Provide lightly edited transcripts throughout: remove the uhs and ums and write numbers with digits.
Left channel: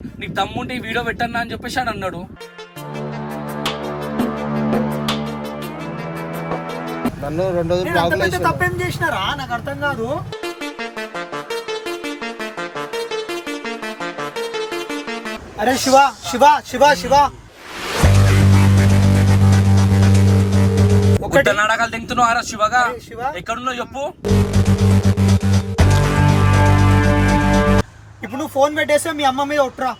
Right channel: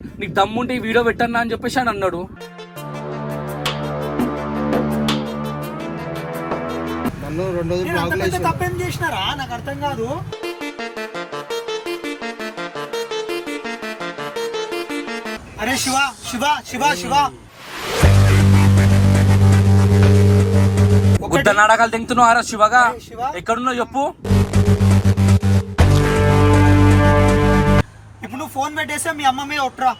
నీకు దమ్ముంటే ఈ వీడియో పెట్టన్నా అని చెప్పేసి అని అన్నాడు. నన్ను 2 రోజులు తప్పేం చేసినారా నాకు అర్థం కాదు. అరే శివ శివ శివ శివ గుట్ట నాటకాలు తింటున్నావు అరా శివగా. ఎక్కడున్నావు చెప్పు. ఇప్పుడు నువ్వు ఫోన్ పెట్టేస్తే మీ అమ్మ మీద ఒట్రా.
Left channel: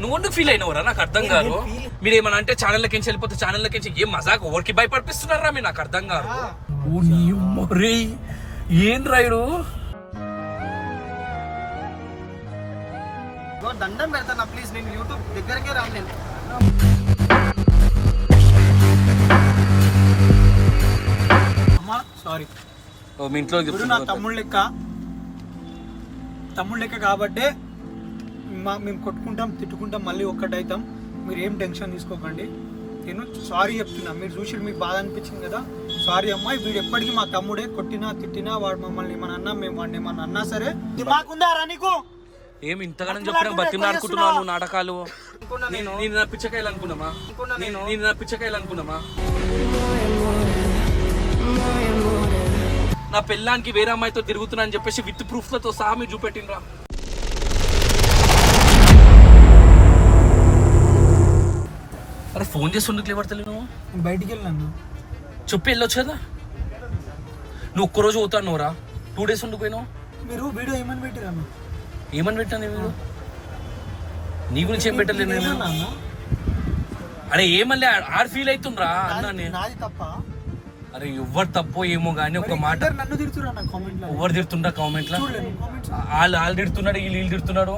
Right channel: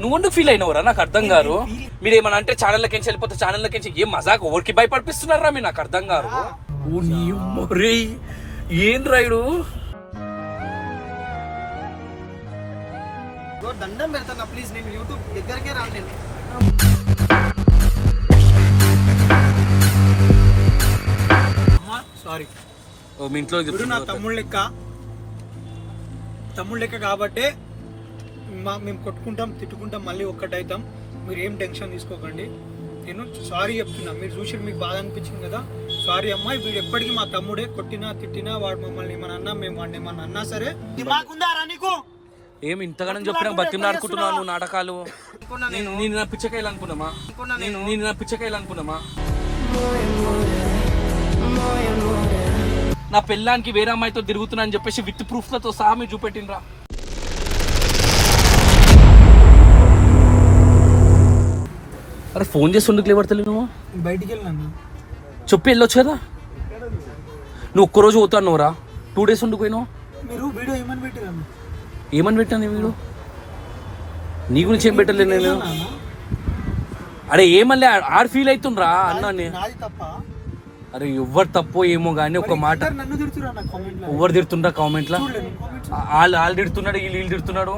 నువ్వు ఫీల్ అయినవరా నాకు అర్థం కాదు. మీరు ఏమన్నా అంటే ఛానళ్ళకి వెళ్ళిపోతే ఛానళ్ళకి ఏం మజాక్ ఊరికి భయపడిపిస్తున్నారా మీరు నాకు అర్థం కాదు. ఓ నీ మరే ఏం రాయుడు దండం పెడతాను ప్లీజ్. నేను యూట్యూబ్ దగ్గరకే రాను. అమ్మా సారీ. మీ ఇంట్లో నా తమ్ముడు లెక్క కాబట్టే మేము కొట్టుకుంటాం తిట్టుకుంటాం మళ్ళీ ఒక్కటైతాం. మీరు ఏం టెన్షన్ తీసుకోకండి. నేను సారీ చెప్తున్నా. మీరు చూసి మీకు బాధ అనిపించింది కదా, సారీ అమ్మా. వీడు ఎప్పటికీ మా తమ్ముడే. కొట్టినా తిట్టినా వాడు మమ్మల్ని ఏమన్నా అన్నా మేము వాడిని ఏమన్నా అన్నా సరే మాకుందారా నీకు ఏం ఇంతగానో చెప్పినా బతిమలాడుకుంటున్నావు నువ్వు నాటకాలు. నేను పిచ్చకాయలు అనుకున్నామా? నేను పిచ్చకాయలు అనుకున్నామా? నా పెళ్ళానికి వేరే అమ్మాయితో తిరుగుతున్నా అని చెప్పేసి విత్ ప్రూఫ్లతో సహా మీరు చూపెట్టినరా. అరే ఫోన్ చేసి ఉండకు లేబడతలే నువ్వు. బయటికి వెళ్ళాను చెప్పి వెళ్ళొచ్చు కదా. నువ్వు ఒక్కరోజు పోతాను రా. 2 days ఉండిపోయినావు. మీరు వీడియో ఏమని పెట్టారు? ఏమని పెట్టాను వీళ్ళు? నీ గురించి ఏం పెట్టలేదు నేను. అరే ఏమన్నా ఆరు ఫీల్ అవుతుండ్రా అన్నాన్ని. నాది తప్ప. అరే ఎవరు తప్పో ఏమో గానీ ఒక మాట. నన్ను తిడుతున్నా కామెంట్. ఎవరు తిడుతుండ్రా కామెంట్ లా? వాళ్ళు తిడుతున్నాడు, వీళ్ళు తిడుతున్నాడు.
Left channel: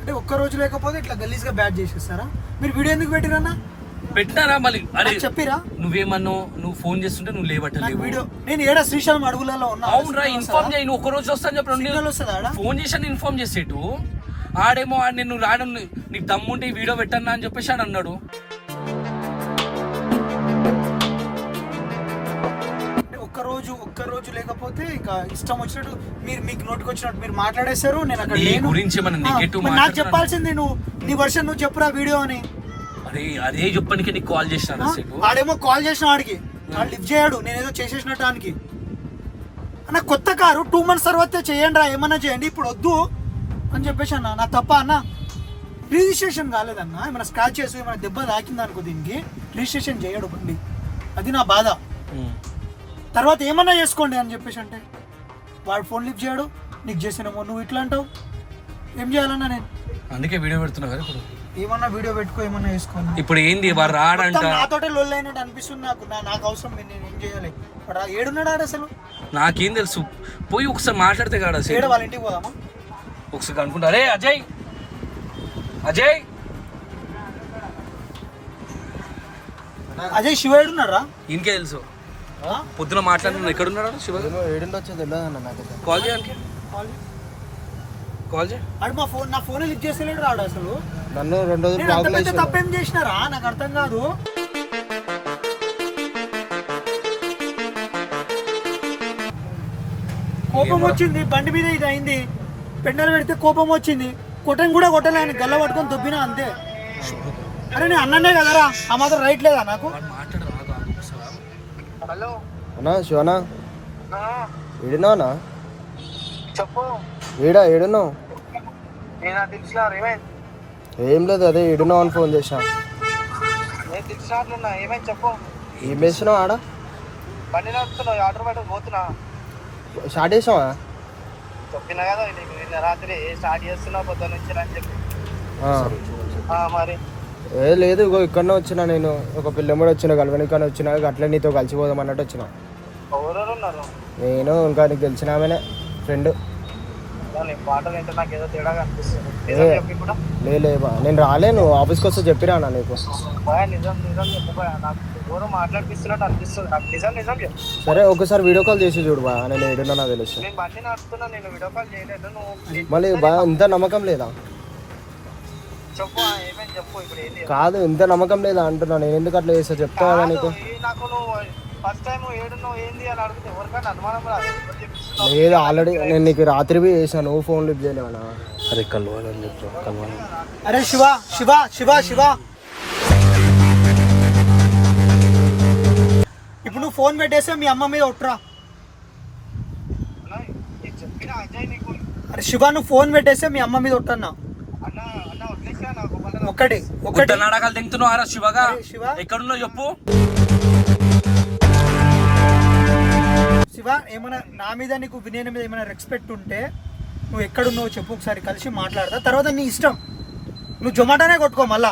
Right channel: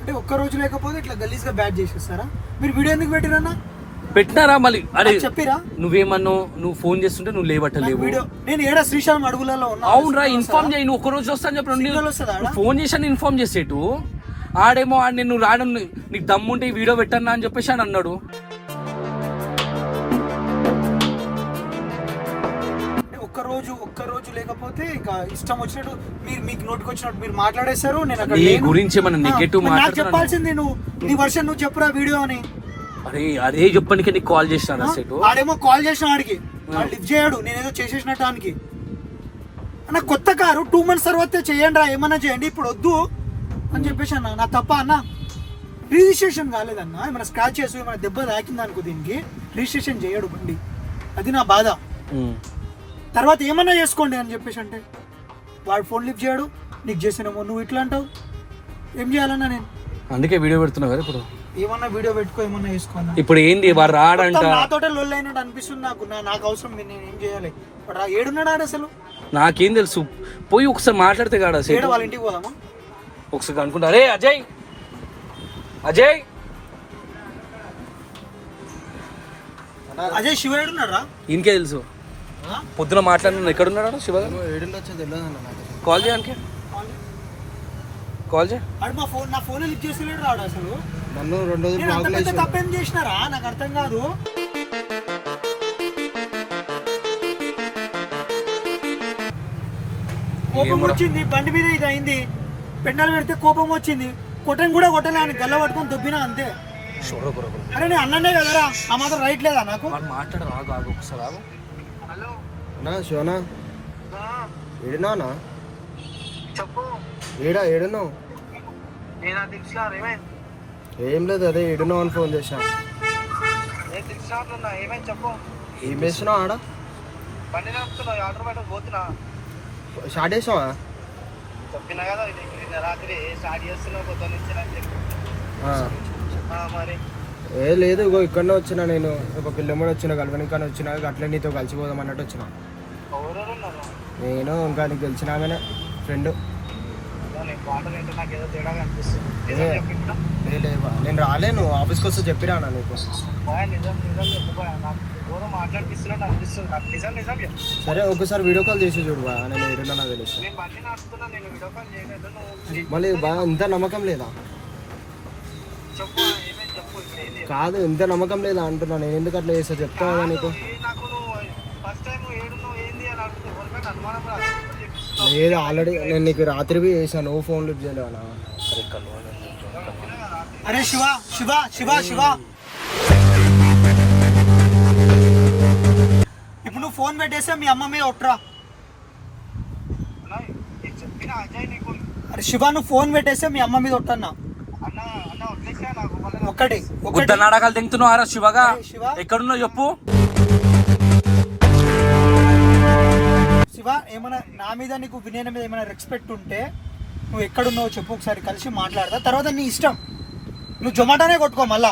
అంటే ఒక్క రోజు లేకపోతే ఇట్లా గలీజ్ గా బ్యాట్ చేసేస్తారా? మీరు వీడియో ఎందుకు పెట్టిరన్నా? పెట్టినారా మళ్ళీ? అరే చెప్పిరా. నువ్వేమన్నావు? నువ్వు ఫోన్ చేస్తుంటే నువ్వు లేవట్టలేవు. నేను ఏడా శ్రీశైలం అడుగులలో ఉన్నా. అవునరా ఇన్ఫార్మ్ చేయి. నువ్వు ఒక రోజు వస్తాను చెప్పి ఫోన్ చేశాను ఇన్ఫార్మ్ చేసేటు. ఆడేమో నేను రావడం నీకు దమ్ముంటే ఈ వీడియో పెట్టన్నా అని చెప్పేసి అని అన్నాడు. ఒక్క రోజు లేకపోతే ఇక ఇష్టం వచ్చినట్టు మీకు నోటికి వచ్చినట్టు మీరు మాట్లాడేశారు. నేను అక్కడ గురించి నాకు చెప్పాల్సింది నువ్వు నీ వర్షన్ నువ్వు చెప్పురా వీడియో అని. అరే అదే చెప్పడానికి నీకు కాల్ చేసినా. ఆడేమో కాల్ చేసిన వాడికి లిఫ్ట్ చేయడు. నేనేదో చేసేసినట్టు దానికి. అన్న కొత్త కారు 2 months తర్వాత చేయండి రా, ఏమన్నా చేయండి, ఇప్పుడు వద్దు అని చెప్పేసి అన్న. నా తప్ప అన్న. రిజిస్ట్రేషన్ కాలేదన్న. ఏమైనా స్క్రాచెస్ ఏమైనా దెబ్బ తాకింది అనుకో దీనికి రిజిస్ట్రేషన్ చేయడు బండి. అది నా బాధ. తర్వాత ఏమన్నా చేసుకోండి అని చెప్పేసి అంటే వాడు ఫోన్ లిఫ్ట్ చేయడు. నీకు చేసినామో నువ్వు ఇట్లా అంటావు. ఏం చేయాలన్నా నేను? అందుకే వీడియో పెడుతున్నా కదా. ఇప్పుడు ఏమన్నా వీడియో పెట్టుకో, ఏమన్నా వేసుకోను. ఇప్పుడు ఏంది వాడు రాడంట. నాతోటే లొల్లి అయినట్టు అనిపిస్తుంది నాకు అవసరం. నేను ఏం చేయాలి? వాడు ఏడున్నాడు ఆడ అసలు? నాకేం తెలుసు. పోయి ఒకసారి మాట్లాడితే కాదు అసలు. వాళ్ళ ఇంటికి పోదామా ఒకసారి అనుకుంటా. అరే అజయ్ శివ ఏడున్నారా? ఇంకే తెలుసు. పొద్దున మాట్లాడిన ఎక్కడున్నాడు శివ? కాల్ చేయడానికి కాల్ చేయ. నా ఫోన్ లిఫ్ట్ చేస్తలేడు రాడు అసలు. నన్ను 2 రోజులు తప్పేం చేసినారా నాకు అర్థం కాదు. కోపం వచ్చింది బండి మీద. ఇది అయింది పెండలు పెడితే కోపం వచ్చింది. కొట్టని కూడా కొట్టలే అని గల్ల పట్టుకొని దొబ్బినా అంతే. అరే నేను అన్ననే కదరా, ఆ మాత్రం రైట్ లేదా నాకు? హలో అన్నా శివనా ఏడున్నావునా? చెప్పు. ఏడున్నావు? ఏం లేదు, అదే ఏడున్నావు అని ఫోన్ చేసా. ఏం చేస్తున్నావు ఆడ? స్టార్ట్ చేసావా? ఏ లేదు, ఇగో ఇక్కడనే వచ్చినా నేను. ఒక పిల్లమ్మడి వచ్చిన కలవనికని వచ్చినా. అట్లే నీతో కలిసిపోదాం అన్నట్టు వచ్చిన. నేను ఇంకా నీకు తెలిసిన ఆమెనే ఫ్రెండ్. లేవా నేను రాలేను. ఆఫీస్కి వస్తే చెప్పిరా నీకు. సరే ఒకసారి వీడియో కాల్ చేసి చూడు బా. నేను ఏడున్నా నాకు తెలుసు. మళ్ళీ బాగా ఇంత నమ్మకం లేదా? కాదు ఇంత నమ్మకం లేదా అంటున్నా. నేను ఎందుకు అట్లా చేస్తా చెప్తా కదా నీకు. లేదు ఆల్రెడీ నేను నీకు రాత్రి చేశాను. ఫోన్ లిఫ్ట్ చేయలేవా? అరే కలవాలి అరే శివ శివ శివ శివ ఇప్పుడు నువ్వు ఫోన్ పెట్టేస్తే మీ అమ్మ మీద ఒట్టురా. అరే శివ నువ్వు ఫోన్ పెట్టేస్తే మీ అమ్మ మీద ఒట్టన్నా. ఒక్కటి గుడ్డ నాటకాలు తింటున్నావు ఆరా శివగా. శివ ఎక్కడున్నావు చెప్పు. శివ ఏమైనా నా మీద నీకు వినయన మీద ఏమైనా రెస్పెక్ట్ ఉంటే నువ్వు ఎక్కడున్నావు చెప్పు, ఒకసారి కలిసి మాట్లాడతా. తర్వాత నీ ఇష్టం, నువ్వు జొమాటోనే కొట్టుకో. మళ్ళా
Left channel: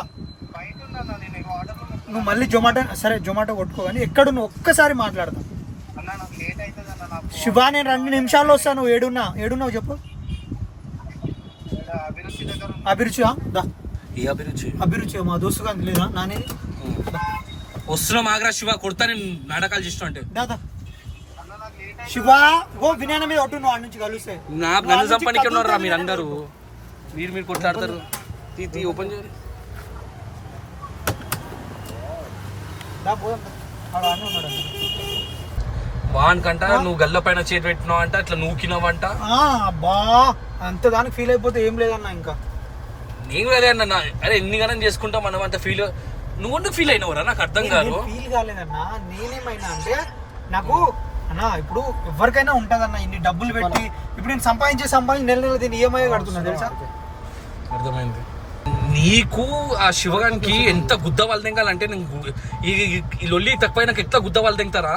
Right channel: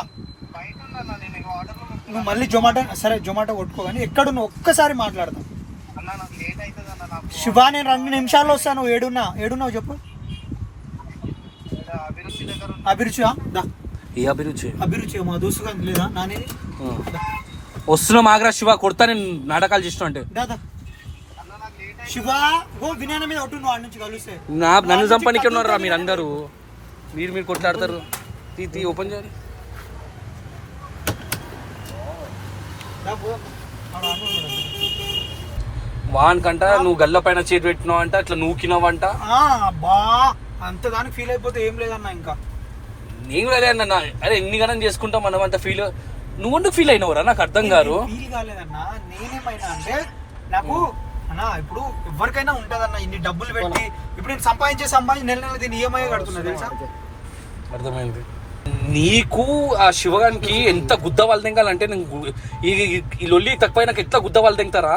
నువ్వు మళ్ళీ జొమాటో, సరే జొమాటో కొట్టుకో, కానీ ఎక్కడ నువ్వు ఒక్కసారి మాట్లాడతావు. శివ నేను 2 నిమిషాల్లో వస్తాను. నువ్వు ఏడున్నావు చెప్పు. అభిరుచి ఏ అభిరుచి? అభిరుచి మా దోస్తుగా లేదా నానేది. వస్తున్నా మాగ్రా శివ, కొడతా నేను నాటకాలు చేస్తున్నా అంటే. దాదా శివ ఓ వినయన మీద ఒట్టు, నువ్వు ఆడ నుంచి కలిస్తే. నన్ను చంపనికి ఉన్నారా మీరు అందరూ? మీరు కొట్లాడతారు. తీ ఓపెన్ చేయాలి. వానికంట నువ్వు గల్ల పైన చేతి పెట్టినావు అంట, అట్లా నూకినావంట. బా అంత దానికి ఫీల్ అయిపోతే ఏం లేదన్నా. ఇంకా నేను లేదన్నా. అరే ఎన్ని గణం చేసుకుంటాం మనం అంత ఫీల్. నువ్వు ఫీల్ అయినవరా? నాకు అర్థం కాదు. ఫీల్ కాలేదన్నా. నేనేమైనా అంటే నాకు అన్నా ఇప్పుడు ఎవరికైనా ఉంటదన్న ఇన్ని డబ్బులు పెట్టి. ఇప్పుడు నేను సంపాదించి నెల దీన్ని ఈఎంఐ కడుతున్నా తెలుసా. అర్థమైంది. నీకు ఆ శివగానికి ఎంత గుద్ద వాళ్ళు తెంగాలంటే ఈ లొల్లి తక్కువ నాకు ఎట్లా గుద్ద వాళ్ళు తెంగుతారా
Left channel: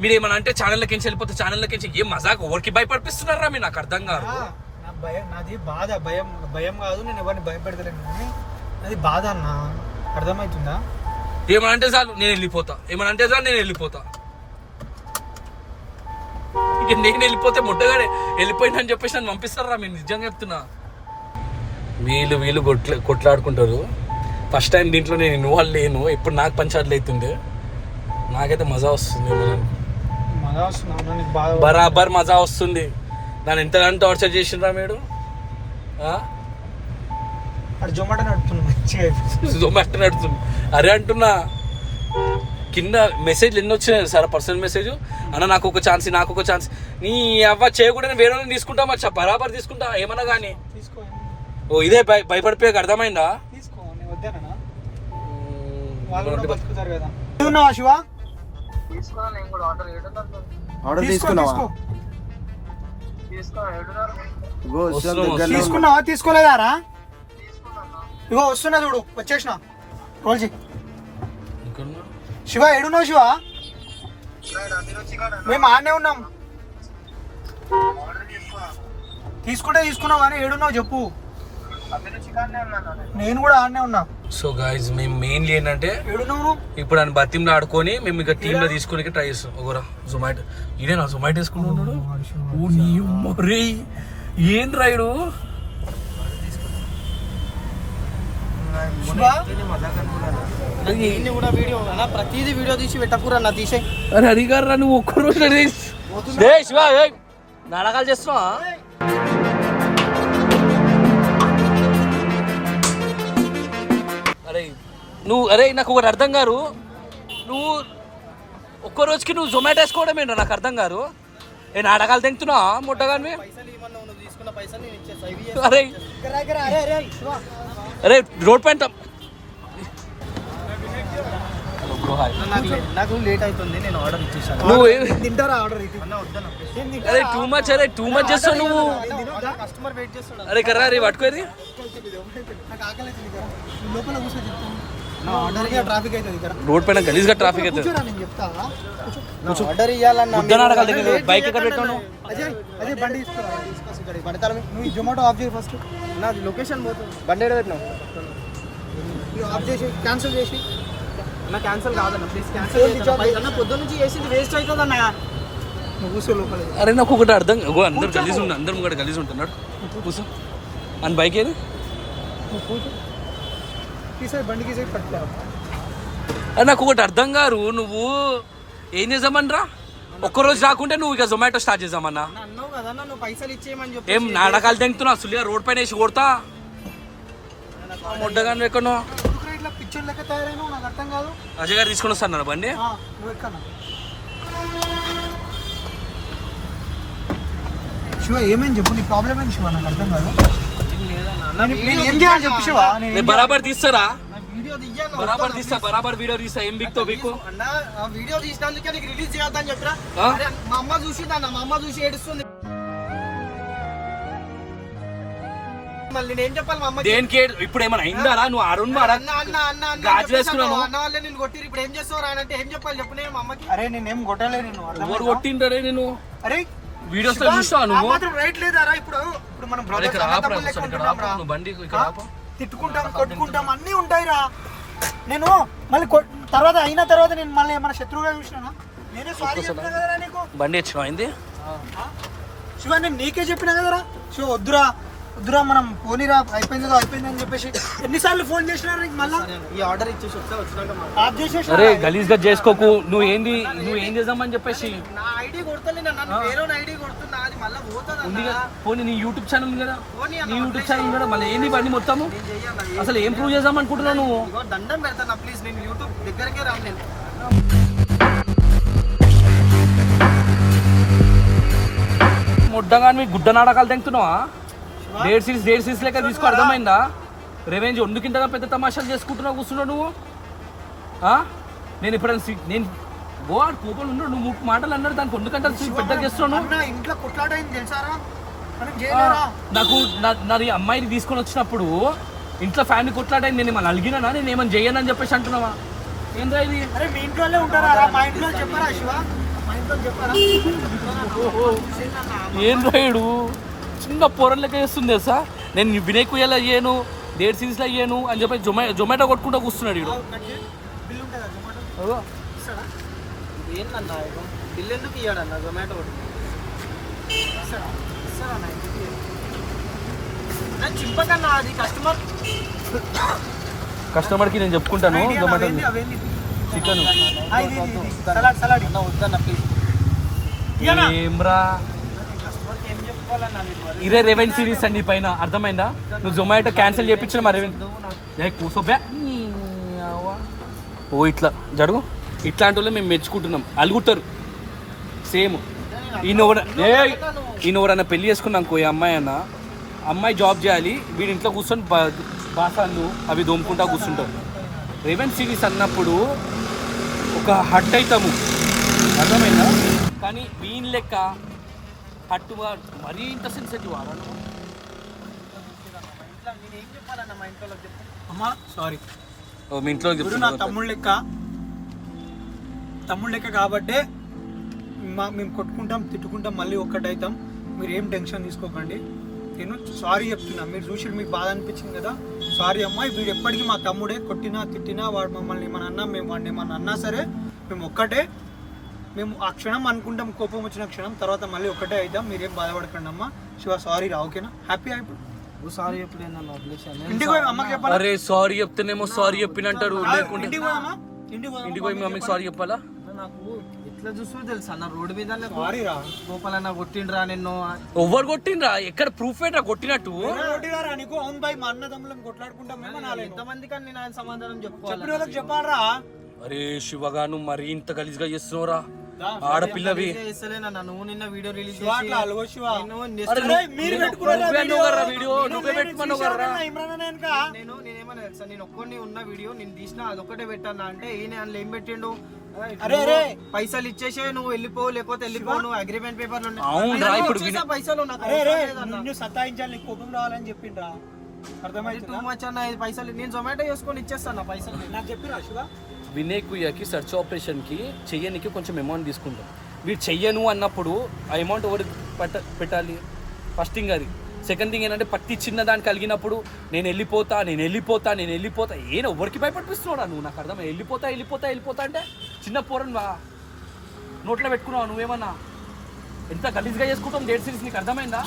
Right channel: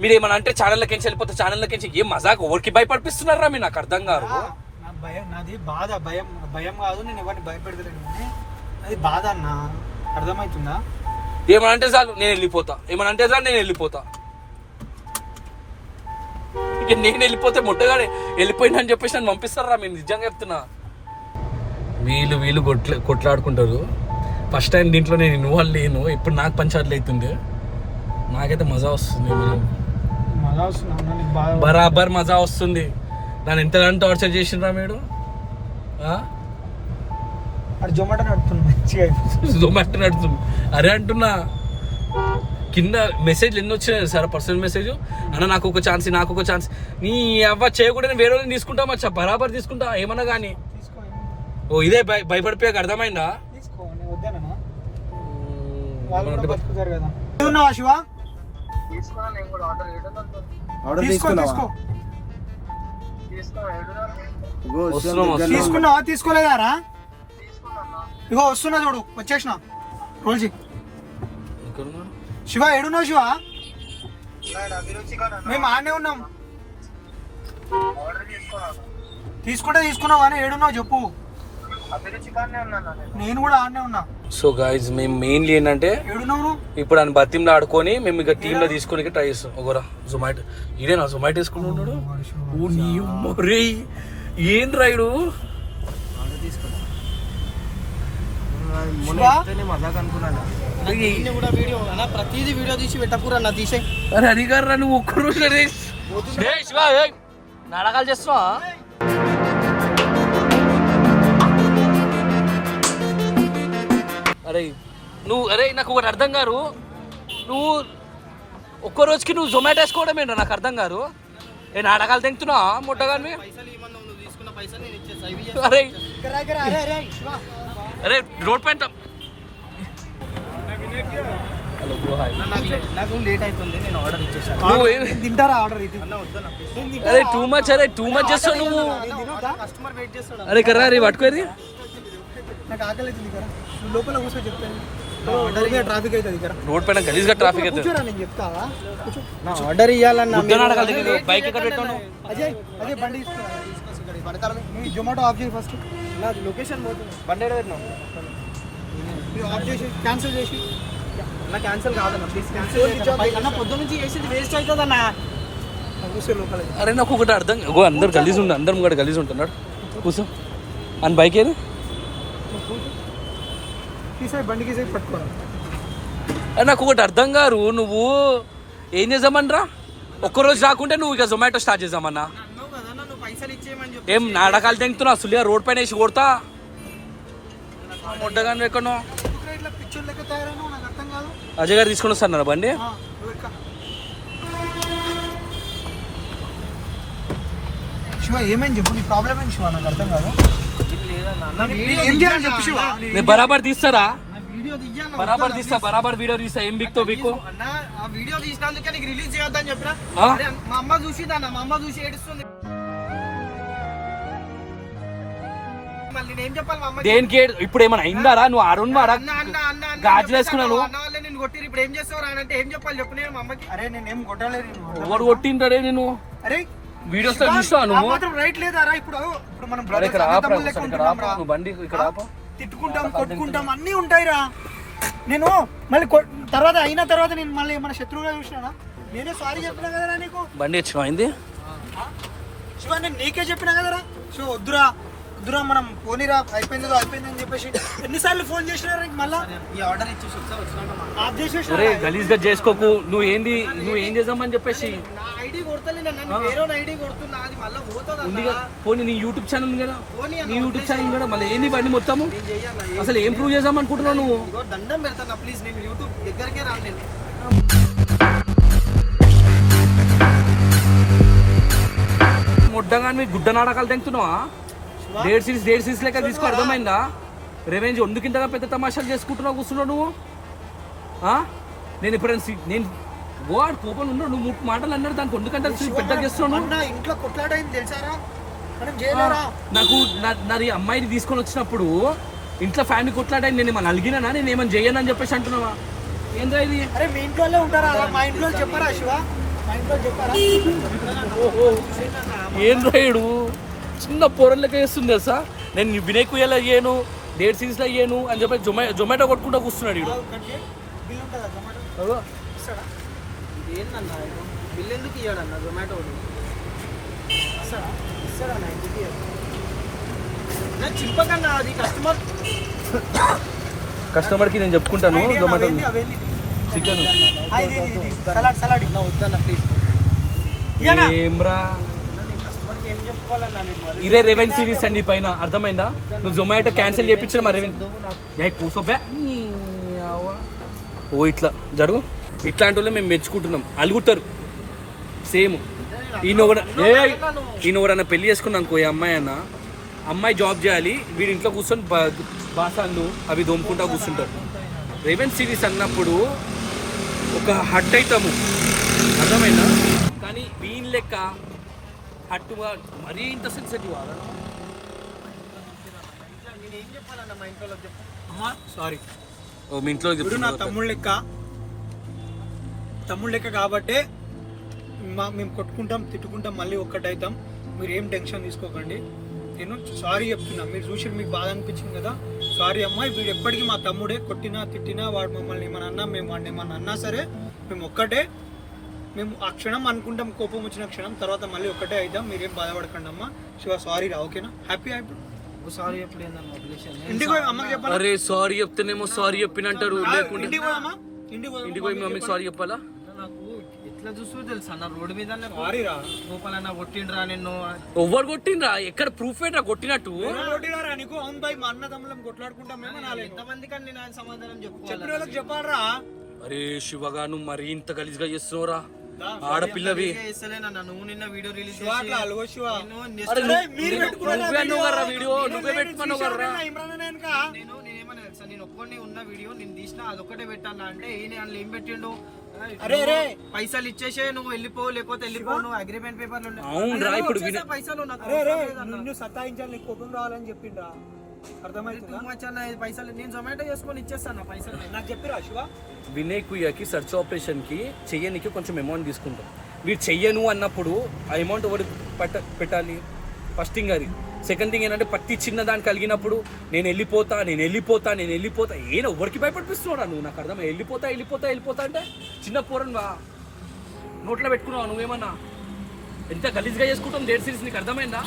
మీరు? ఏమన్నా అంటే ఛానళ్ళకి వెళ్ళిపోతే ఛానళ్ళకి ఏం మజాక్ ఎవరికి భయపడిపిస్తున్నారా మీరు? నాకు అర్థం కాదు. నా భయం, నాది బాధ. భయం కాదు, నేను ఎవరిని భయపెడతలేను. అది బాధ అన్న, అర్థమవుతుందా? ఏమన్నా అంటే చాలు నేను వెళ్ళిపోతా. నేను వెళ్ళిపోతే మొట్టగానే వెళ్ళిపోయినా అని చెప్పేసి నన్ను పంపిస్తారా మీరు? నిజంగా చెప్తున్నా. వీళ్ళు కొట్లాడుకుంటారు. ఫస్ట్ టైం దీంట్లో నేను ఇన్వాల్వ్ లేను. ఇప్పుడు నాకు పంచాయతీలు అవుతుంది. నాకైతే మజా వస్తుంది. బరాబర్ మజా వస్తుంది. నన్ను ఎంతగానో టార్చర్ చేసిండ్రా మీరు. జొమాటో నడుపుతున్నా. అరే అంటున్నా, కింద మెసేజ్ ఎన్ని వచ్చినాయి సార్? పర్సనల్ మెసేజ్ అన్న నాకు ఒక ఛాన్స్ నీ అవ్వ చేయకుండా వేరే వాళ్ళని తీసుకుంటా. మచ్చా బరాబర్ తీసుకుంటా ఏమన్నా కానీ. ఓ ఇదే భయపడిపోయాక అర్థమైందా? ఆర్డర్ తీసుకున్నావా? తీసుకోలేదారా? ఇగో వస్తున్నా చూడు, వచ్చేసిన. రోజు శివ ఏడున్నావు? శివ మేము ఆడనే ఉన్నాం. తీసుకున్నావు కానీ ఏడున్నావు చెప్పు. నేను కూడా ఆడనే ఉన్నా. సో గైజ్ మేము మెయిన్లీ ఏంటంటే ఏడున్నావు ఇప్పుడు ఆయన బతింలో ఆడుకొని మేము ఇక టీంలో తీసుకుని ట్రై చేస్తాం. ఒకరా జొమాటో ఇదేనా జొమాటో వేసుకుంటున్నాడు. మరే ఏం రాయుడు ప్రతిదీ వీడియో తీసి పెట్టకూరా నా తీసే. అరే అడిగారా నువ్వు ఒక్కరోజు శివ నాటకాలు చేస్తున్నావా? అరే నాకు ఒకటి అర్థం కాదు. నువ్వు ఒక్క రోజుకి నువ్వు జొమాటో వేసుకోవడం ఏంటో నాకు అర్థం కాదు. నేను నాటకాలు తింటున్నావా ముట్టగాని? అరే రోడ్ పైన నాకు లేట్ అవుతుంది, నేను ఆర్డర్ ఇచ్చేసాను. నువ్వు తింటారా ఆర్డర్? అరే టూ మచ్ చేస్తావు నువ్వు. కస్టమర్ వెయిట్ చేస్తాడు. అరే కర్రా రీ పట్టుకోది. నాకు ఆకలి అవుతుంది, లోపల కూర్చో చెప్తాను. ట్రాఫిక్ అవుతుంది రోడ్ పైన గలీజ్గా ట్రాఫిక్ అవుతుంది. నేను చెప్తా ఆర్డర్ ఇవ్వాలన్నా బైక్ ఎక్కడ పెట్టాను? అదే బండి తీసుకురా. నువ్వు జొమాటో ఆఫ్ చేయి ఫస్ట్. నాది లొకేషన్ పోతుంది. బండి ఏడ పెట్టినావు? ఆఫ్ చేసి క్యాన్సిల్ చేసి. అన్న క్యాన్సిల్ కాదన్న, ప్లీజ్ క్యాన్సిల్ అన్న. పొద్దున్న నుంచి చేసింది వేస్ట్ అవుతుంది అన్న. నువ్వు కూర్చో లోపల. అరే నాకు ఒకటి అర్థం, అందరు గలీజ్ ఉంటుంది, అందరం కూడా గలీజ్ ఉంటున్నాడు. కూర్చో అని బైక్ ఏది తీసే బండికి పట్టుకో. అది నాకు ఒకటి అర్థం కాదు. నువ్వు ఏం చేద్దామనరా? ఒక్కరోజు రాకుంటే నువ్వు ఇక జొమాటో స్టార్ట్ చేద్దామన్నా. ఏం నాటకాలు తింటున్నా? సులియా రోడ్ పైన వేసి కొడతా మొడ్డగాను. ఎక్కడో అజయ్ గారు తీసుకొని వస్తాను బండి. శివ ఏమేం చెప్పు, నీ ప్రాబ్లం ఏంటి శివ? నాకు అర్థం కాదు. నేను ఏం చేయాలి చెప్పు శివ? నేను బరాబర్ తీస్తారా వీడియో తీయన్నా బరాబర్ తీస్తా బరాబర్ వీడియో తీస్తా ఏం బిక్తో బిక్కు అన్న ఆ వీడియో తీసినందుకే నీకు రిలీజ్ చేయొద్దని చెప్పరా ఆ? అరే మా అమ్మ చూసిందన్న మా అమ్మ చూసి ఏడుస్తుంది మళ్ళీ నేను చెప్పాలి మా అమ్మకి దేనికి ఇప్పుడు ఏమైనా అయిందారా నువ్వు ఆడున్నారా అన్న అన్న అన్న అన్న గాజులు వేసుకున్నావు. అన్న వాళ్ళే నేను కొట్టిరు ఇప్పుడు ఏం చేస్తావు రా అంటే ఏం చెప్పాలి చెప్పు నేను మా అమ్మకి అరే నేనేం కొట్టలే నేను. ఎవరు కొట్టింటాడే నేను అరే వీడియోస్ శివ, చూసావా ఆ నువ్వు మాత్రం రైట్ లేదారా? ఇప్పుడు మనం అరే brothers, ఇక్కడ ఆపు, అన్నదమ్ములు లెక్క ఇక్కడ ఉంటున్నాం రా. ఆపు, నువ్వు బండి ఇక్కడ ఆపు. తిట్టుకుంటాం కొట్టుకుంటాం అన్నీ ఉంటాయిరా. నేను మళ్ళీ తర్వాత అయిన తర్వాత నేను మళ్ళీ ఏమైనా శత్రువుగా చూసినా? నేనే సారీ చెప్పినా కదరా నీకు. బండి వచ్చినావు అయింది శివ నేను నీకే చెప్పినా కదరా శివ, వద్దురా వద్దురా మనం పోనీరా, అయిపోయిందని చెప్పేసి ఎన్నిసార్లు ఫోన్ చేసినారా నీకు? మళ్ళా ఈ ఆర్డర్ ఇచ్చేసి ఒకసారి వచ్చినాక ఆఫ్ చేసేసినా? అరే గలీజ్ గా చేసుకోకు నువ్వు ఏం చేద్దామని చెప్పేసి నా ఐడి కొడతలే నన్ను వేరే ఐడి కొడుతున్నా అది మళ్ళీ పోతుంది ఉంది అన్న కదా పోనీ నీ యూట్యూబ్ ఛానల్ ఉంది కదా పోనీ నీ యూట్యూబ్ ఛానల్ కదా మళ్ళీ ఏంది బండి మొత్తము నేను చెయ్యన్నా అసలు ఏం ప్రూవ్ చేద్దాం అనుకుంటున్నావు నువ్వు ఇదిగో దండం పెడతాను ప్లీజ్ నేను యూట్యూబ్ దగ్గరికే రాను నేను మొడ్డగా మీకు గుడ్డ నాటకాలు తెంగుతున్నావా డేట్ సిరీస్ లెక్క తీసుకో అర్థమైందా రివెంజ్ ఒండుకింతగా పెద్ద తమాషాలు చేసుకుంటున్నావు కూర్చున్నావు నువ్వు ఆ? నేను ఎప్పుడైనా నేను గోవాడు కోపం ఉన్నాడు నువ్వు మాటలు అన్నాడు దానికి ఒండుకంటే పెద్దగా చేస్తున్నాను అన్న ఇంట్లో కొట్లాడైంది తెలుసారా? మనం చేయలేరా? నాకు నా అమ్మాయిని తీసుకొని వచ్చినప్పుడు ఇంట్లో ఫ్యామిలీ కొట్లాడైంది నేను ఏమన్నా అలిగినా నేను ఏమన్నా చేయనని చెప్పేసి అంటున్నావా ఏంద్రా ఇది అరే మీ ఇంట్లోనే ఉంటారా? మా ఇంట్లో చెప్పరా శివ? మా ఇంట్లో చెప్పరా? ఏంద్రా ఇడు చిన్న పొరలెక్క చేస్తుంది సార్ నేను వినేకు ఎలా చేయను డేట్ సిరీస్లో అయ్యాను అని చెప్పి జొమాటో కొట్టుకుంటూ కూర్చున్నాడు ఇడు బిల్ ఉంటుందా జొమాటో? ఇస్తాడా? ఇది ఏంటన్నా ఇది బిల్ ఎందుకు ఇయ్యాడన్న జొమాటో కూడా ఇస్తాడన్న ఎందుకు ఇయ్యడు? నేను చింపకన్నా అది కస్టమర్కి నేను చెప్పుకుంటాను జొమాటో అవేంది? చికెన్ ఆ, ఇది. సలాడ్ వద్దన్న ప్లీజ్ ఏమ్రా కస్టమర్కి ఏం చెప్పుకోవాలన్నా నేను మరి ఇదే రెవెన్ సిరీస్ అండి పైన అర్థమైందా నువ్వు జొమాటో క్యాన్సిల్ చేయించు మరి కూసోపే ఓ ఇట్లా జరుగు ఇట్లాంటి వాళ్ళు మేము మెచ్చుకుంటున్నాం అలుగుతారు సేమ్ ఈయన పెళ్లి చేసుకున్నాం ఈ అమ్మాయి అన్న అమ్మాయి జాబ్ చేయాలి వీడి ఇంట్లో కూర్చొని బాసాలు అవి దోముకుంటా కూర్చుంటారు రెవెన్ సిరీస్ అన్నప్పుడు ఒక హట్ అవుతాము అర్థమైందా కానీ వీన్ లెక్క హట్టుగా మరీ ఇంత సెన్సిటివ్ ఆడను ఇట్లా నేను ఏం చెప్పాలన్న మా ఇంట్లో చెప్పు అమ్మా సారీ. మీ ఇంట్లో ఇప్పుడు నా తమ్ముడు లెక్క కాబట్టే మేము కొట్టుకుంటాం తిట్టుకుంటాం మళ్ళీ ఒక్కటైతాం. మీరు ఏం టెన్షన్ తీసుకోకండి. నేను సారీ చెప్తున్నా. మీరు చూసి మీకు బాధ అనిపించింది కదా, సారీ అమ్మాయి. వీడు ఎప్పటికీ మా తమ్ముడే. కొట్టినా తిట్టినా వాడు మమ్మల్ని ఏమన్నా అన్నా మేము వాడిని ఏమన్నా అన్నా సరే మేము ఒక్కటే. మేము ఆ క్షణం అనుకుంటాం కోపం వచ్చిన క్షణం, తర్వాత మళ్ళీ ఒక్కటే అవుతాం. మీరేం బాధపడకండి అమ్మా. శివ సారీ రా, ఓకేనా? హ్యాపీ సారీ ఎప్పుడైనా వదిలేసాను ఇంటికి పోయి అమ్మకి చెప్పాలా? అరే సారీ చెప్తేనేమో సారీ చెప్పినంటారు లేకుంటే ఇంటికి పోయి అమ్మా, ఇంటికి పోయి మమ్మీ సారీ చెప్పాలా నాకు ఎట్లా చూస్తూ తెలుసా అన్న రోడ్డు మీద సారీ రా. గోపాలన్న కొట్టిండ్రా నిన్ను ఎవరు కొట్టిండ్రా ఎక్కడ ప్రూఫ్ ఏంట్రా కొట్టినట్టు కొట్టినారా నీకు? అవును బాయ్, మా అన్నదమ్ములం కొట్లాడుకుంటాం మేము నాలేదు. ఎంతమంది కానీ నేను సమాధానం చెప్పిన చెప్పుకోవాలి వాళ్ళకి చెప్పాలరా. అరే శివగా నువ్వు మరీ ఇంత గలీజ్గా చేస్తున్నావురా ఆడపిల్లవి నువ్వు నిన్న వీడియో రిలీజ్ శివ అట్లా అలగో శివ. అరే మీరు నువ్వే అనుకోరా వీడియో నువ్వే పెట్టుకున్నావురా ఇమ్రాన్ అన్న వెనక. నేనేమన్నా తెలుసా నేను ఒక్కడిని ఉన్న వీడియో నేను తీసిన అదొక్కటే పెట్టాను అంటే ఈయన అందులో ఏం పెట్టిండు అరే రే పైసలు ఇచ్చేసే నువ్వు వెళ్ళిపో లేకపోతే వెళ్ళిపో నువ్వు అగ్రిమెంట్ పేపర్లు ఉన్నాయి. అవునురా ఇప్పుడు ఇచ్చేసా పైసలు నాకు అరే రే అవసరం లేదన్న. నిన్ను సతాయించాలి, నీకు కోపం రావాలని చెప్పిండ్రా. అర్థమైంది టూ మచ్ అన్న ఈ పైసలు నేను జొమాటో చేసుకొని ఇచ్చేస్తాను పైసలు నాకు చెప్పిరా శివ. వినయ్ కుయ్యకి సర్చ్ ఆపరేషన్కి చెయ్యనికి కొంచెం అమౌంట్ తీసుకుంటాం వీడు చెయ్యను అన్నప్పుడు ఆ అమౌంట్ ఎవరు పెట్టాలి? ఫస్ట్ థింగ్ అది. సెకండ్ థింగ్ ఏంటంటే ప్రతి చిన్న దానికి కలిగినప్పుడు నేను వెళ్ళిపోతా ఏదో ఎవరికి భయపడిపిస్తున్నాడా నువ్వు? నాకు అర్థం వెళ్ళిపోతా అంటే చిన్న పోరని నోట్లో పెట్టుకున్నావు నువ్వేమన్నా? ఎంత గలీజ్గా చేసుకుంటాం డేట్ సిరీస్ నీకు అర్థమైందా?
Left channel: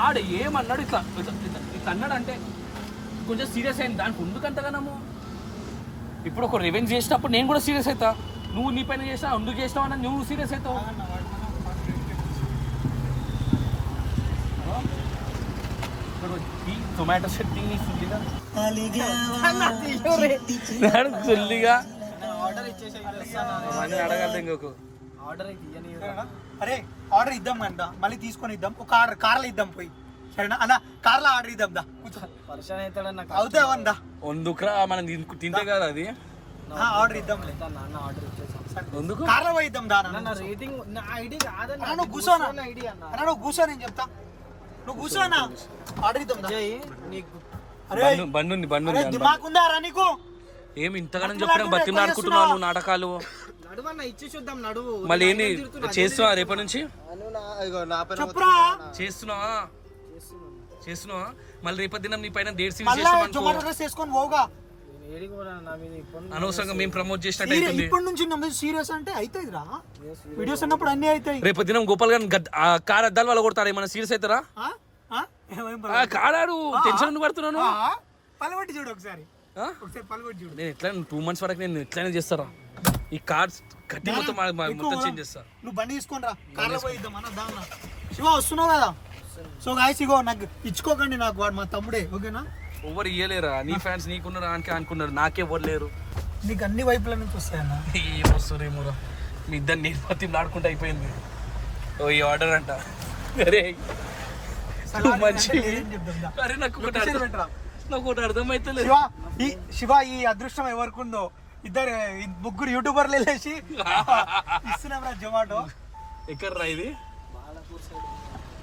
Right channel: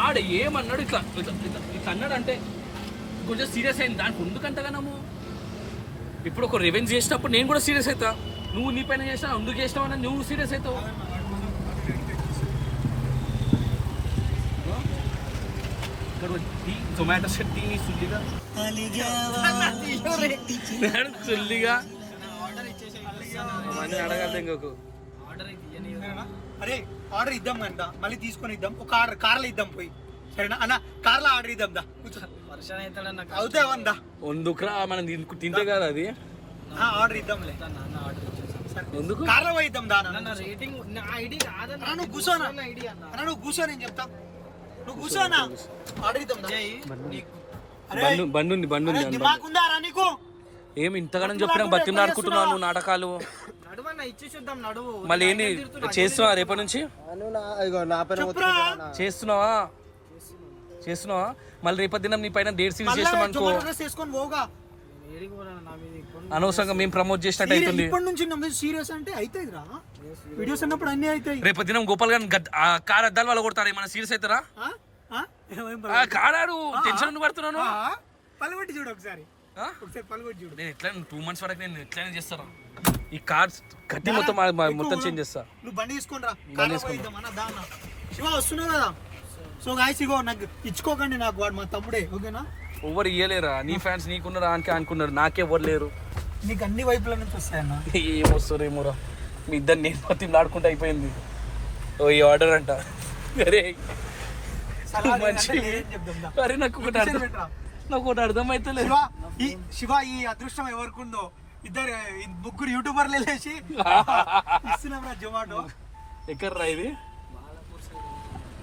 ఆడ ఏమన్నాడు ఇట్లా అన్నాడు అంటే కొంచెం సీరియస్ అయింది దానికి ఎందుకంతగానము. ఇప్పుడు ఒక రివెంజ్ చేసినప్పుడు నేను కూడా సీరియస్ అవుతా. నువ్వు నీ పైన చేసినా ఎందుకు చేసినావు అన్న నువ్వు సీరియస్ అవుతావు. టొమాటో షెట్టి సుల్లిగా ఆర్డర్ ఇచ్చేసా అడగాలి ఇంకొక ఆర్డర్ అయితే ఇయ్యని అరే ఆర్డర్ ఇద్దాం అంట, మళ్ళీ తీసుకొని ఇద్దాం. ఒక ఆర్డర్ కార్లో ఇద్దాం పోయి. సరేనా అన్న కార్లో ఆర్డర్ ఇద్దాం దా కూర్చో పరిచయం అవుతాడన్న అవుతే అవందా ఎందుకురా మనం తింటే కదా అది ఆర్డర్ ఇద్దాంలే నాన్న ఆర్డర్ ఇచ్చేసాను ఎందుకు కార్లో పోయి ఇద్దాం దా నా రేటింగ్ నా ఐడి కాదన్న అన్న నువ్వు కూర్చోనా ఐడి అన్న అన్న నువ్వు కూర్చో నేను చెప్తా నువ్వు కూర్చోనా ఆర్డర్ ఇద్దాం దా. నీకు అరే బండి అరే దిమాగ్ ఉందా రా నీకు ఏమి ఇంతగానం చెప్పినా బతిమలాడుకుంటున్నావు నువ్వు నాటకాలు నడువన్న ఇచ్చి చూద్దాం నడువు మళ్ళీ ఏంది చేస్తున్నావా రేపటి నుంచి నా పైన చెప్పురా చేస్తున్నావా మళ్ళీ రేపటి దినం నీ పైన డేట్ సీల్ మళ్ళా చేస్తామనుకో జుమార్ డ్రెస్ వేసుకొని పోగా ఏడికి పోరా నా మీద ఇప్పుడు అనవసరంగా మేము ప్రమోట్ చేసినట్టు అవుతుంది ఇప్పటి నుంచి నమ్మే సీరియస్ అంటే అవుతుంది రా వీడియోస్ అన్నప్పుడు అన్ని అవుతాయి రేపటి దినం గోపాల్ గారిని కార్ అద్దాలు వాళ్ళు కొడతారు ఏమైనా సీరియస్ అవుతారా ఆ? ఆ? ఏమైంది ఆ, కాడాడు టెన్షన్ పడుతున్నాను ఆ? పలగొట్టి చూడు ఒకసారి ఒకసారి పలగొట్టి చూడు నేను ఎట్లా 2 months వరకు నేను ఎట్లయినా చేస్తారా ఈ కార్డ్స్ కట్టి మొత్తం మొత్తం చేంజ్ చేస్తా నువ్వు బండి తీసుకొని రా శివ వస్తున్నావు కదా సో గాయస్ ఇగో నాకు ఇచ్చుకోకండి నాకు వాడు మా తమ్ముడే ఓకేనా ఎవరు ఇయ్యలేరా నీ ఫ్యాన్స్ నీకున్నారు ఆనికి అనుకున్నారు నాకే ఎవరు లేరు నీకు అన్ని వైపుల నుంచి వస్తాయన్న ఏం వస్తుందేమోరా మీ ఇద్దరు నేను మొత్తం ఆడుకుంటూ అయిపోయింది ఓ ఈ ఆర్డర్ అంట అరే మంచి అరే నాకు ఒకటి అర్థమైతే శివ ఈ అదృష్టం ఎవరికి ఉందో ఇద్దరు ముగ్గురు యూట్యూబర్లు వెళ్ళేసి ఇస్తున్నాం రా జొమాటో ఎక్కడ ఇది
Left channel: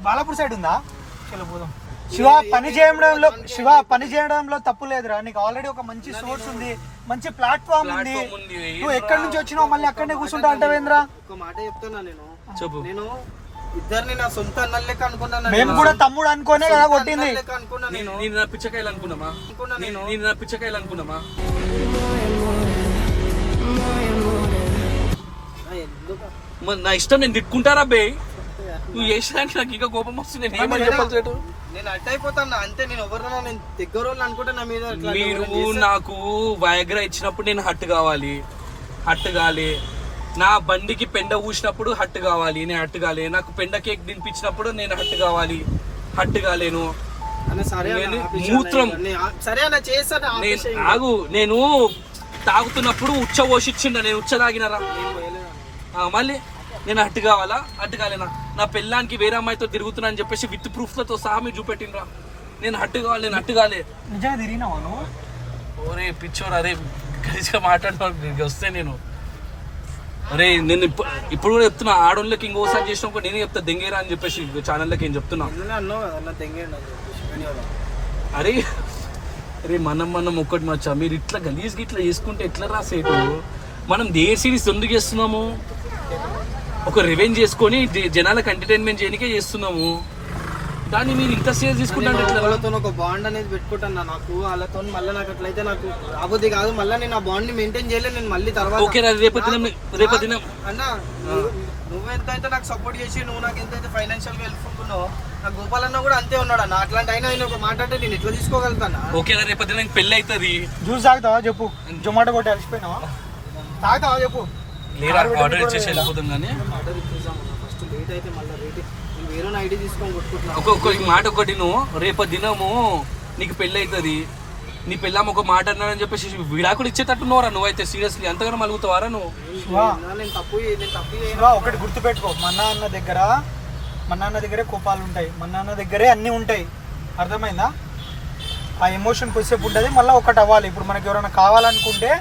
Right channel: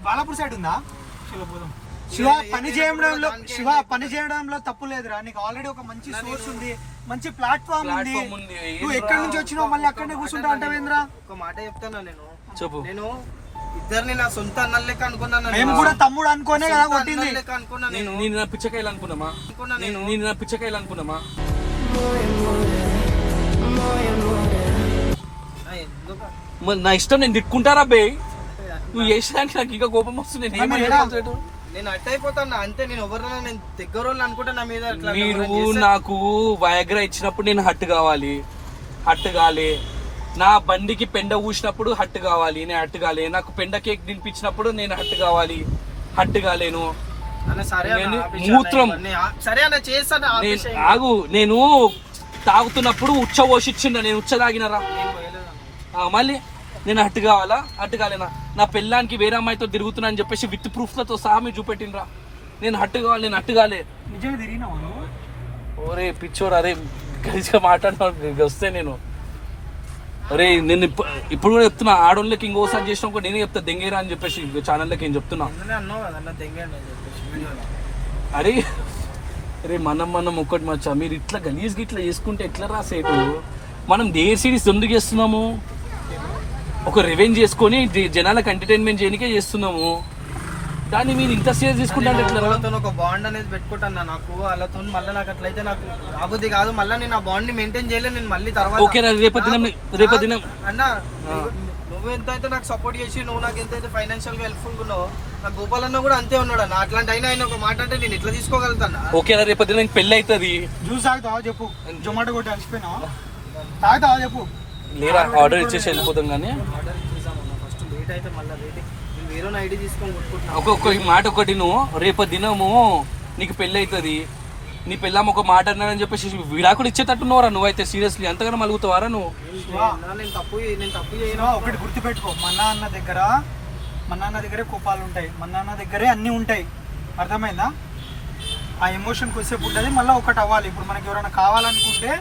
బాలాపూర్ సైడ్ ఉందా చలో పోదాం శివ పని చేయడంలో తప్పు లేదురా నీకు ఆల్రెడీ ఒక మంచి సోర్స్ ఉంది మంచి ప్లాట్ఫామ్ ఉంది నువ్వు ఎక్కడి నుంచి వచ్చినావు మళ్ళీ అక్కడనే కూర్చుంటా అంటావేంద్రా ఒక మాట చెప్తాను చెప్పు నేను ఇద్దరిని నా సొంత అన్న లెక్క అనుకున్నాను మేము కూడా తమ్ముడు అనుకోనే కదా కొట్టింది అనుకున్నా నేను నేను నా పిచ్చకాయలు అనుకున్నామా నేను నా పిచ్చకాయలు అనుకున్నామా ఎందుకు మరి నా ఇష్టం నేను తిట్టుకుంటారా బే నువ్వు చేసేదానికి నాకు ఇంకా కోపం వస్తుంది నేను ఏమని చెప్పాలి చెట్టు నేను అట్ట అయిపోతాను అంతే నేను ఎవరినో నేను దగ్గర వాళ్ళు అనుకుంటా నా మీద అట్లా మీరు నాకు వయాగ్రా ఇచ్చినప్పుడు నేను హట్టు కావాలి నా బండికి పెండ ఊసినప్పుడు హట్టు కావాలి నేను హట్టు కాలే నాకు పెండ కేక్ తినిపించినప్పుడు నేను హట్టు కావాలి హట్టు కాలేను సరే అన్న, ఆపేసి మూత్రం. అన్న, సరే అన్న చేస్తాను ఆపేసి ఆగు నేను తాగుతున్నప్పుడు ఉచ్చ పోషిచ్చిండ నేను ఉచ్చ తాగినరా మళ్ళీ నేను హట్టు కావాలా హట్టు కాలేనా నా పెళ్ళానికి వేరే అమ్మాయితో తిరుగుతున్నా అని చెప్పేసి విత్ ప్రూఫ్లతో సహా మీరు చూపెట్టినరా నేను హట్టు కావాలి నేను హట్టు కాలే నిజంగా తిరిగినావా నువ్వు ఓరే పిచ్చోరు అదే కలిసిగా మాట్లాడిన వస్తే నేను అరే నేను ఇప్పుడు కూడా చెప్తున్నా ఆడోళ్ళకి ఇంకోసారి చేసిన కూడా నేనే చెప్తా దెంగేరా అని చెప్పేసి ఛానల్లోకి ఏం చెప్తున్నా అన్నావు కదా అన్న తెంగండి వీడియోలో అరే అరే మనం ఒక్కటి మచ్చా మీరు ఇట్లా గలీజ్కి ఇట్లా చేసుకుంటే ఎట్లా రాసేటు మనం దేర్ సిరీస్ ఎందుకు చేస్తున్నాము ఒక రివెంజ్ చేసుకొని జనాలకు ఎంటర్టైన్మెంట్ చేయడానికే చేస్తున్నాము దాన్ని మీరు ఇంత సీరియస్ తీసుకుంటారు వాళ్ళతో ఒక బాండ్ అనేది పెట్టుకుంటాను నాకు వాళ్ళతో మళ్ళీ నాకు అట్లయితే నాకు రాబోద్ది కాదు మళ్ళీ నేను ఆ బాండ్ ని మెయింటైన్ చేయలేదు నేను మళ్ళీ తర్వాత ఓకే రేపటి అన్న నువ్వు ఎంతైతే నాకు సపోర్ట్ చేసి నువ్వు నాకు ఎంతైతే ఫైనాన్షియల్ గా హెల్ప్ ఉంటున్నావు నా గోపాల్ అన్న కూడా అంతే ఉన్నాడు అన్న అట్లాంటి అయినా ఆయన ఒక మాట అంటే నేను ఎట్లా తీసుకోగలుగుతాను ఓకే రేపటి నాకు పెళ్ళి అవుతుంది జ్యూస్ తాగుతావా చెప్పు జొమాటో కొట్టి అలసిపోయినావా తాగుతావా చెప్పు లేదా ఆర్డర్ ఇచ్చేసి వెళ్ళిపోతాం కానీ ఆర్డర్ ఇచ్చేసాము ఫస్ట్ లేట్ అయితే మళ్ళీ రేట్ నేను వేరే ఐడి తీసుకొని కొట్టుకుంటున్నాను ఒక్కొక్క మాట ఒకటి నువ్వు రేపు దినము నీకు పెళ్ళి అవుతుంది నీ పెళ్ళాము ఒక మాట అన్నాడని చెప్పేసి విడాకులు ఇచ్చేటట్టున్నావరా నువ్వైతే సీరియస్లీ అంతగానో మలుగుతావారా నువ్వు నేను తప్పు శివ ఒకటి గుర్తుపెట్టుకో మా నాన్న దగ్గరే కోపాలు ఉంటాయి మా నాన్న దగ్గరే అన్నీ ఉంటాయి అర్థమైందా ఆ ఎమోషన్ కొద్దిసేపు ఉంటుంది మళ్ళీ ఒకటి అవ్వాలి ఇప్పుడు మనకి ఎవరైనా కావాలనుకుంటే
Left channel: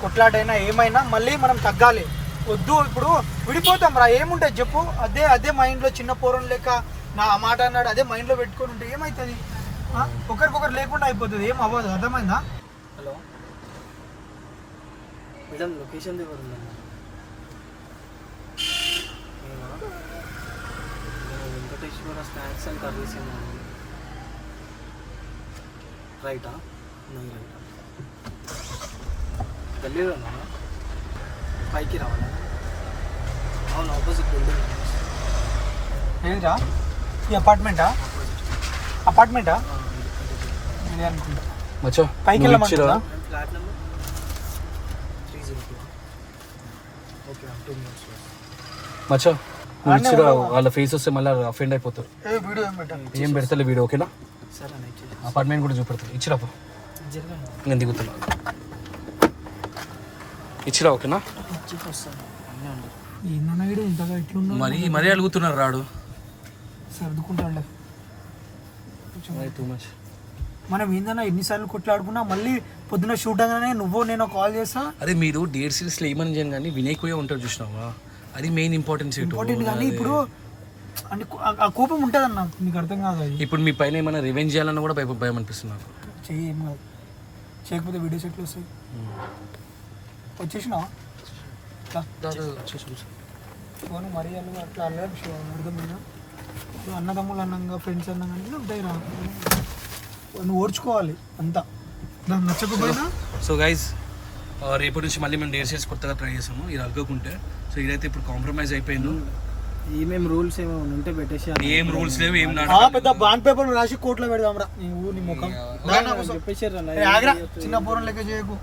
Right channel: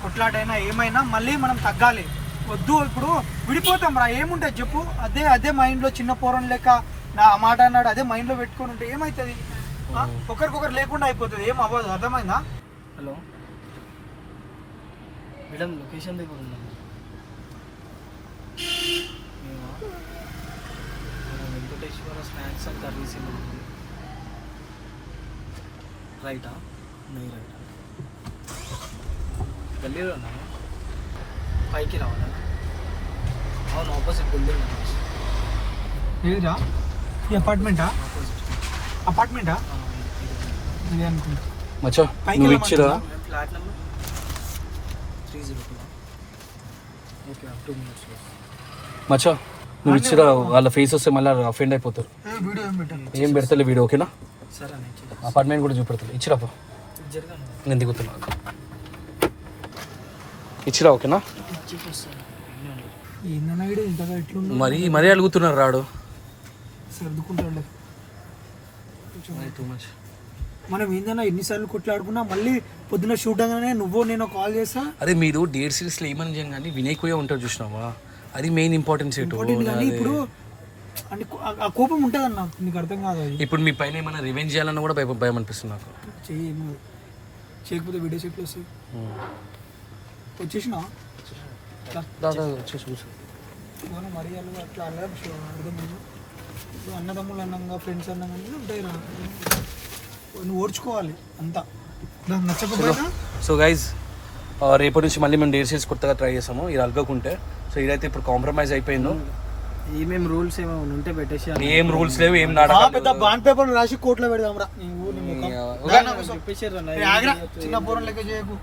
కొట్లాటైనా ఏమైనా మళ్ళీ మనం తగ్గాలి వద్దు ఇప్పుడు విడిపోతాం రా ఏముంటుంది చెప్పు అదే మైండ్లో చిన్న పోరం లెక్క నా మాట అన్నాడు అదే మైండ్లో పెట్టుకొని ఉంటే ఏమవుతుంది ఒకరికొకరు లేకుండా అయిపోతుంది ఏం అవ్వదు అర్థమైందా హలో మేడం లొకేషన్ దగ్గర ఉంది వెంకటేశ్వర స్నాక్స్ అండ్ కర్రీస్ ఉంది రైటా రైట్ గల్లీలో ఉన్నా పైకి రావాలా అవును ఆపోజిట్ బిల్డింగ్ ఏదిరా ఈ అపార్ట్మెంటా మచ్చా పైకి నువ్వు వెళ్ళమంటారా? ఇచ్చిరా ఫ్లాట్ నెంబర్ 302 ఓకే 2 minutes మచ్చా నువ్వు ఇచ్చిరా వాళ్ళ ఫేస్ వస్తే మళ్ళీ అఫెండ్ అయిపోతారు వీడియో ఏం పెట్టాను ఏం పెడతలే వీడియో ఓకేనా సరే అన్న అపార్ట్మెంట్ కూడా చూపెడతారు ఇచ్చిరా పో జరగా నేను దిగుతున్నా ఇచ్చిరా ఓకేనా ఇచ్చేసి వస్తాను అన్నీ ఉండదు ఏందన్నా వీడు ఇంతగా ఎట్లుందో మరీ అడుగుతున్నారు రాడు సర్దుకుంటాడు టూ మచ్. మనం ఏందన్నా ఎన్నిసార్లు కొట్లాడుకున్నా మళ్ళీ పొద్దున షూట్ అనగానే నువ్వు నేను కాల్ చేస్తా. అరే మీరు డేట్ సిరీస్లో ఏమని చేయను కానీ వినయ్ ఉంటాడు చూసినావా, అది మెయిన్ ఇంపార్టెన్స్. ఇంపార్టెంట్ కానీ ఇప్పుడు అంటే ఆ కోపం ఉంటుంది అన్న, నీకు అర్థం కాదు అది. ఇప్పుడు మీ పైన ఏమైనా రివెంజ్ చేయాలన్నా కూడా భయం అనిపిస్తుంది నాకు. చెయ్యి ఏం కాదు, చేయకపోతే వీడియోస్ ఎట్లా వస్తాయి. వచ్చేసినా మరి అట్లా అన్నారు అర్థమైనా. అన్నదమ్ములు అన్నంగా ఫ్రెండ్స్ అన్నంగా ఉంటాయి రా, నువ్వు ఓర్చుకోవాలి అంతా. దాన్ని నచ్చకపోయినా సో గైజ్ రేపటి నుంచి మళ్ళీ మేము డేర్ సీరీస్ కొత్తగా ట్రై చేసాము ఇది అల్గకుంటే. సో ఇదైతే ఇప్పుడు కాంప్రమైజ్ అయిపోయిందో. ఏమేమి రూల్స్ ఏమైనా ఉంటే పెట్టేసి ఏం రూల్స్ లేవు, ఏం పెద్ద బాండ్ పేపర్ రాసి కోర్టులో పెడదాం రా. చెప్పేసారు చిన్న పూరం లెక్క చేయకు.